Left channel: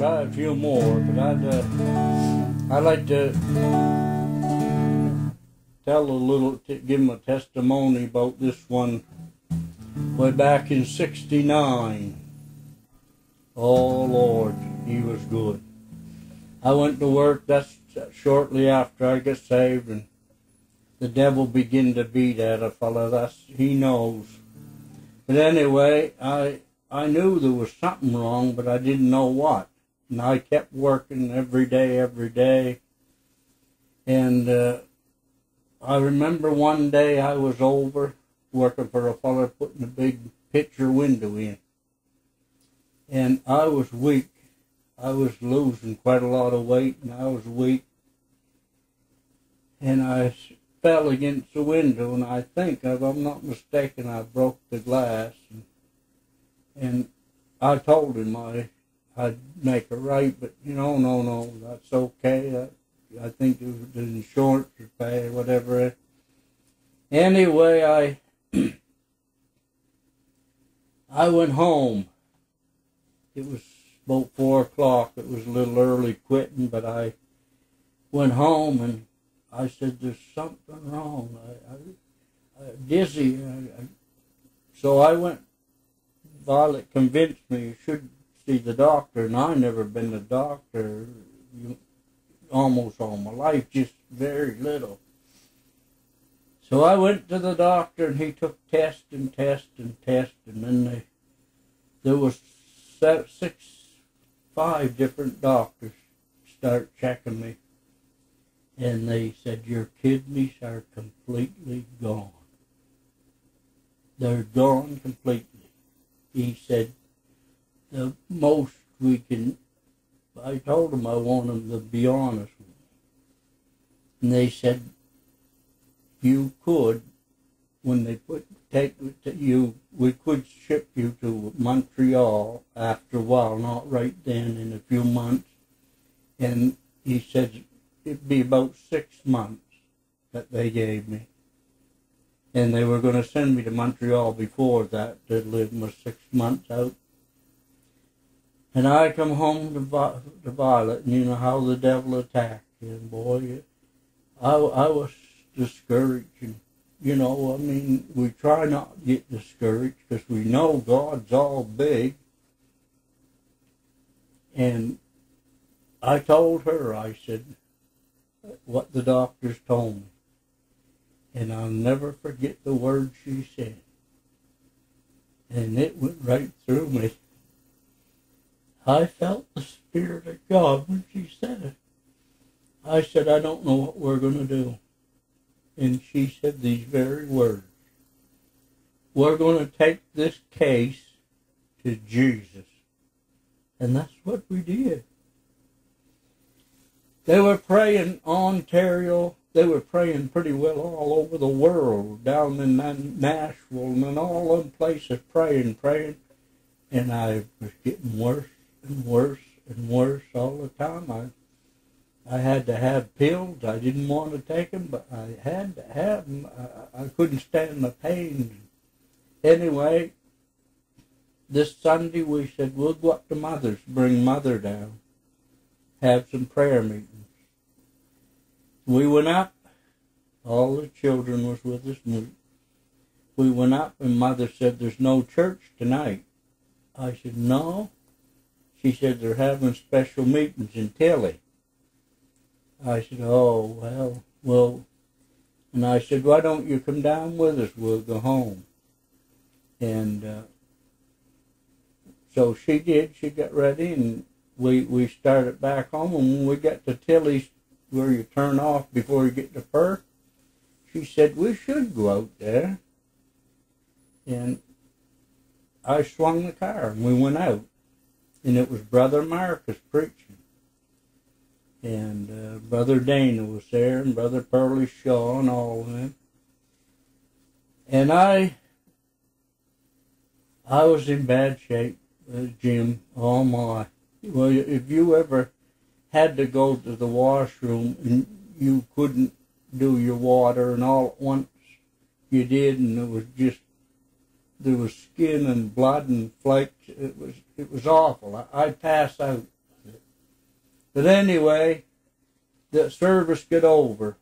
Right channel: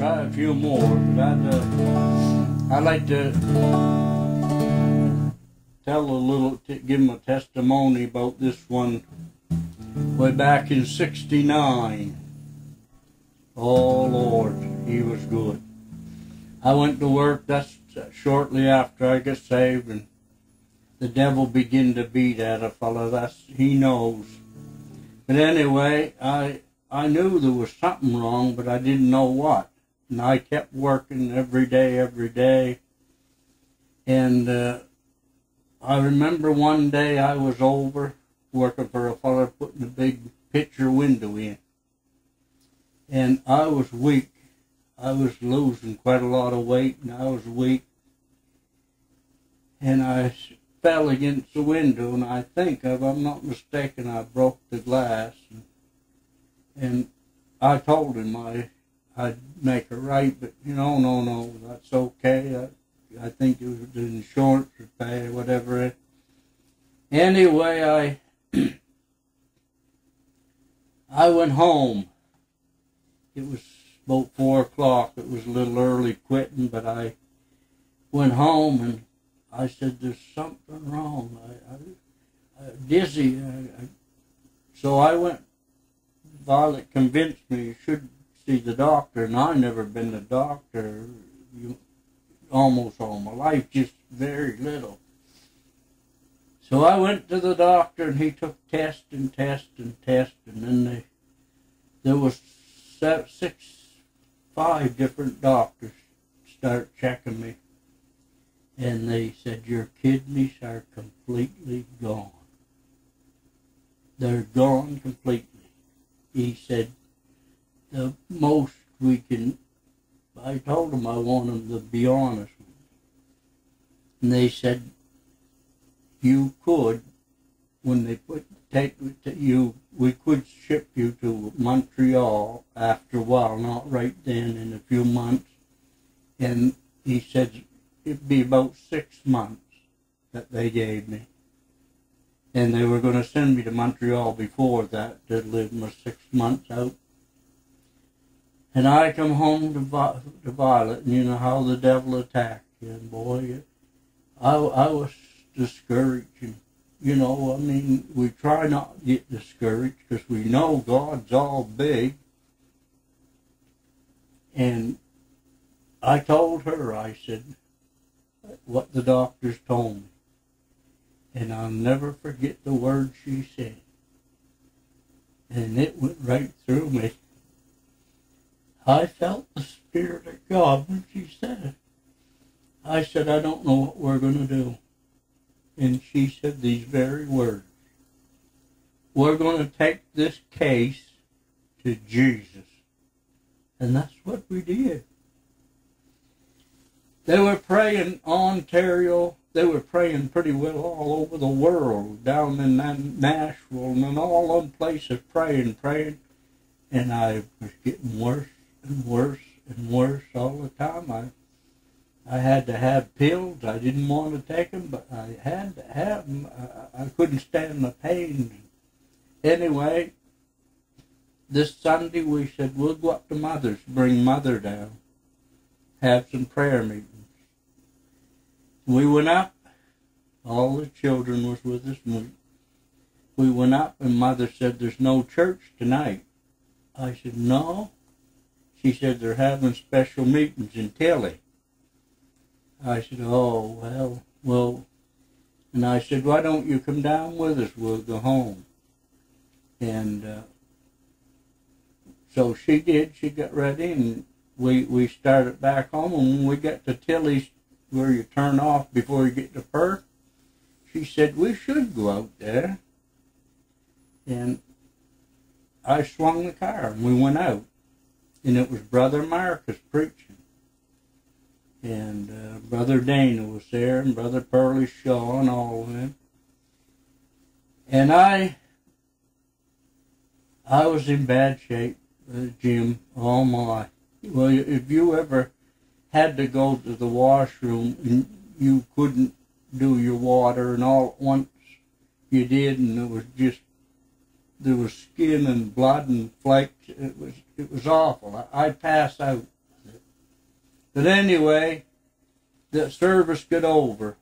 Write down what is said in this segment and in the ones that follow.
try a few more, but I'd like to tell a little, give them a testimony about this one way back in '69. Oh Lord, He was good. I went to work, that's shortly after I got saved, and the devil began to beat at a fella. He knows. But anyway, I knew there was something wrong, but I didn't know what. And I kept working every day. And I remember one day I was over working for a fella putting a big picture window in. And I was weak. I was losing quite a lot of weight, and I was weak. And I fell against the window, and I think, if I'm not mistaken, I broke the glass. And I told him I'd make it right, but no, that's okay. I think it was the insurance would pay or whatever. Anyway, I went home. It was about 4 o'clock. It was a little early quitting, but I went home and I said, there's something wrong. I'm dizzy. So I went. Violet convinced me you should see the doctor, and I never been a doctor almost all my life, just very little. So I went to the doctor, and he took test, and then there was 5 different doctors start checking me, and they said, your kidneys are completely gone. They're gone completely. He said, the most we can, I told them I want them to be honest with me. And they said, you could, when they we could ship you to Montreal after a while, not right then, in a few months. And he said, it'd be about 6 months that they gave me. And they were going to send me to Montreal before that to live my 6 months out. And I come home to Violet, and you know how the devil attacked you, boy. I was discouraged. And, we try not to get discouraged because we know God's all big. And I told her, I said, what the doctors told me. And I'll never forget the words she said. And it went right through me. I felt the Spirit of God when she said it. I said, I don't know what we're going to do. And she said these very words. We're going to take this case to Jesus. And that's what we did. They were praying Ontario. They were praying pretty well all over the world, down in Nashville and all them places, praying. And I was getting worse and worse and worse all the time. I had to have pills. I didn't want to take them, but I had to have them. I couldn't stand the pain. Anyway, this Sunday we said, we'll go up to Mother's, bring Mother down, have some prayer meetings. We went up. All the children was with us. We went up, and Mother said, there's no church tonight. I said, no. She said, they're having special meetings in Tilly. I said, oh, well. And I said, why don't you come down with us? We'll go home. And so she did. She got ready, and we started back home. And when we got to Tilly's, where you turn off before you get to Perth, she said, we should go out there. And I swung the car, and we went out. And it was Brother Marcus preaching. And Brother Dana was there, and Brother Pearlie Shaw, and all of them. And I was in bad shape, Jim. Oh, my. Well, if you ever had to go to the washroom and you couldn't do your water, and all at once you did, and there was skin and blood and flakes. It was awful. I'd pass out. But anyway, the service got over,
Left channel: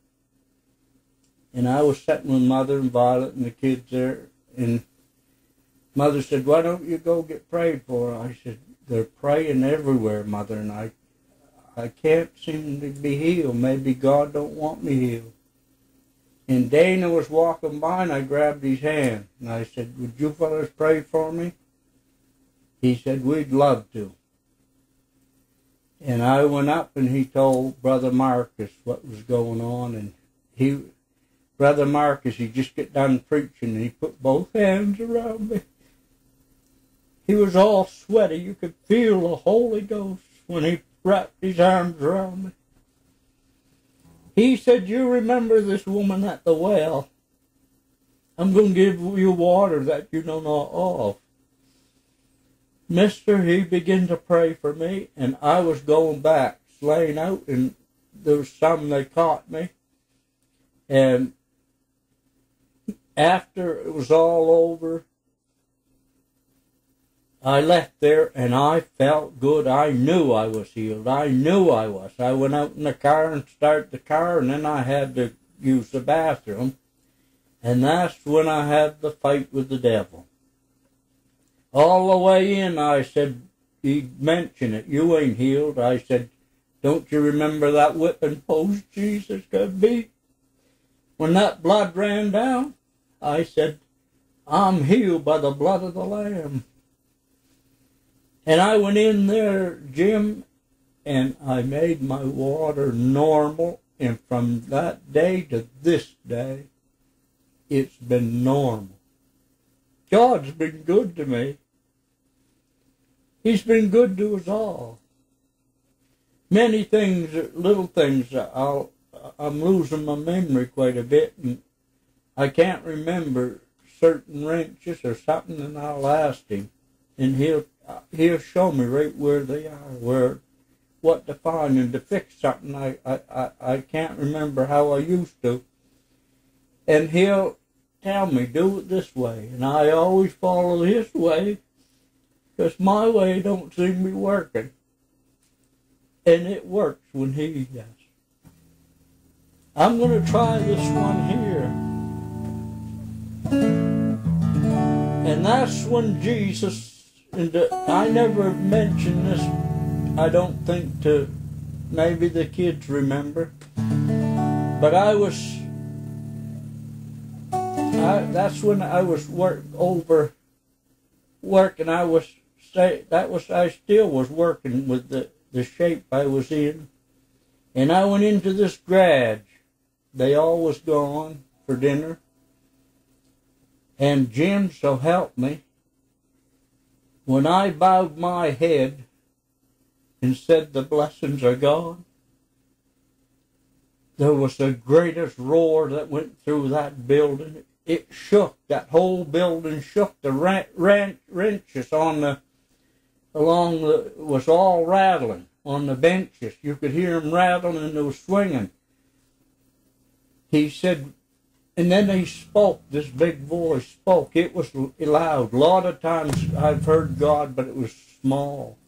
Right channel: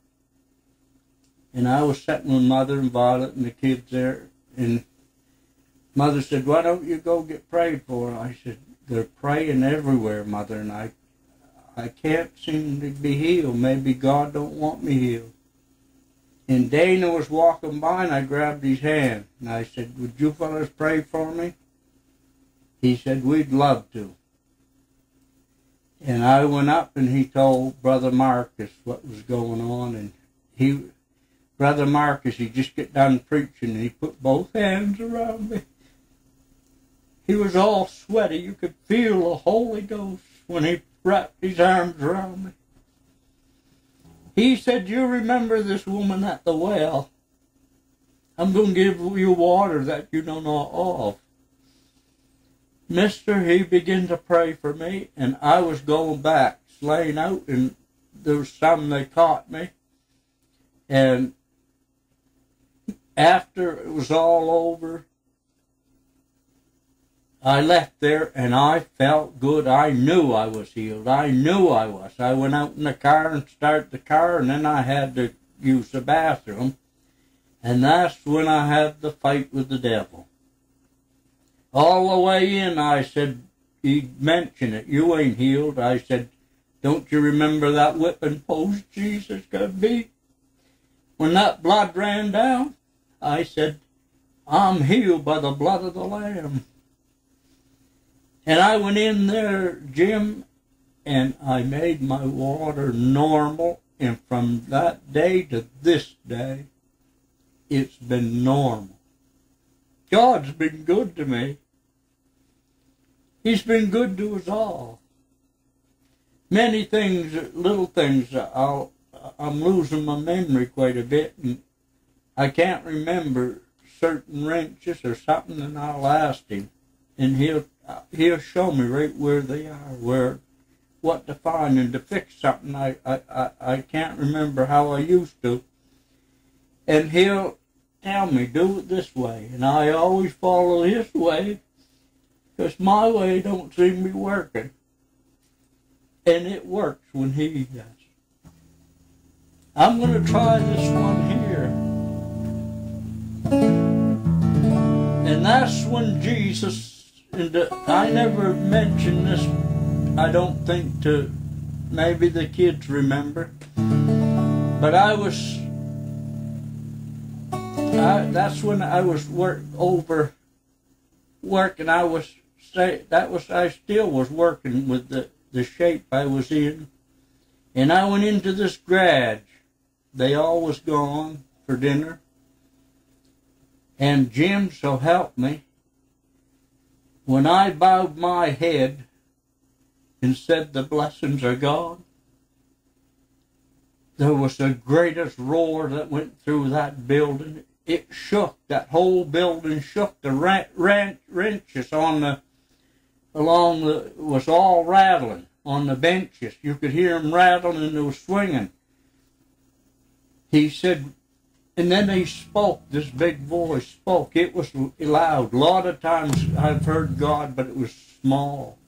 and I was sitting with Mother and Violet and the kids there, and Mother said, "Why don't you go get prayed for?" I said, "They're praying everywhere, Mother, and I can't seem to be healed. Maybe God don't want me healed." And Dana was walking by, and I grabbed his hand, and I said, "Would you fellas pray for me?" He said, "We'd love to." And I went up, and he told Brother Marcus what was going on, and Brother Marcus, he just got done preaching, and he put both hands around me. He was all sweaty. You could feel the Holy Ghost when he wrapped his arms around me. He said, "You remember this woman at the well? I'm going to give you water that you don't know of." Mister, he began to pray for me, and I was going back, laying out, and there was some that caught me. And after it was all over, I left there, and I felt good. I knew I was healed. I knew I was. I went out in the car and started the car, and then I had to use the bathroom. And that's when I had the fight with the devil. All the way in, I said, he mentioned it. "You ain't healed." I said, "Don't you remember that whipping post Jesus got beat? When that blood ran down?" I said, "I'm healed by the blood of the Lamb." And I went in there, Jim, and I made my water normal. And from that day to this day, it's been normal. God's been good to me. He's been good to us all. Many things, little things, I'm losing my memory quite a bit, and I can't remember certain wrenches or something, and I'll ask him, and he'll show me right where they are, what to find, and to fix something I can't remember how I used to. And he'll tell me, "Do it this way," and I always follow his way, because my way don't seem to be working. And it works when he does. I'm going to try this one here. And that's when Jesus, and I never mentioned this, I don't think, to maybe the kids remember, but that's when I was working. I still was working with the shape I was in, and I went into this garage. They all was gone for dinner, and Jim, so help me, when I bowed my head and said the blessings are gone, there was the greatest roar that went through that building. It shook. That whole building shook. The wrenches was all rattling on the benches. You could hear them rattling, and they were swinging. He said, and then he spoke. This big voice spoke. It was loud. A lot of times I've heard God, but it was small.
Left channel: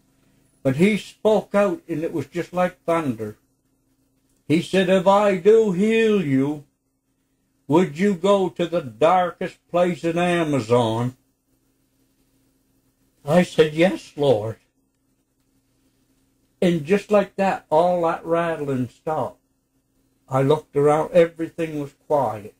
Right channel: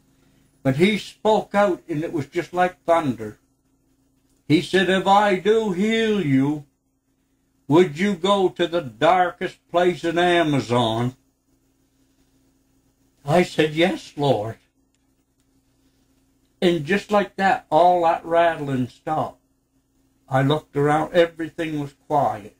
But he spoke out, and it was just like thunder. He said, "If I do heal you, would you go to the darkest place in Amazon?" I said, "Yes, Lord." And just like that, all that rattling stopped. I looked around. Everything was quiet.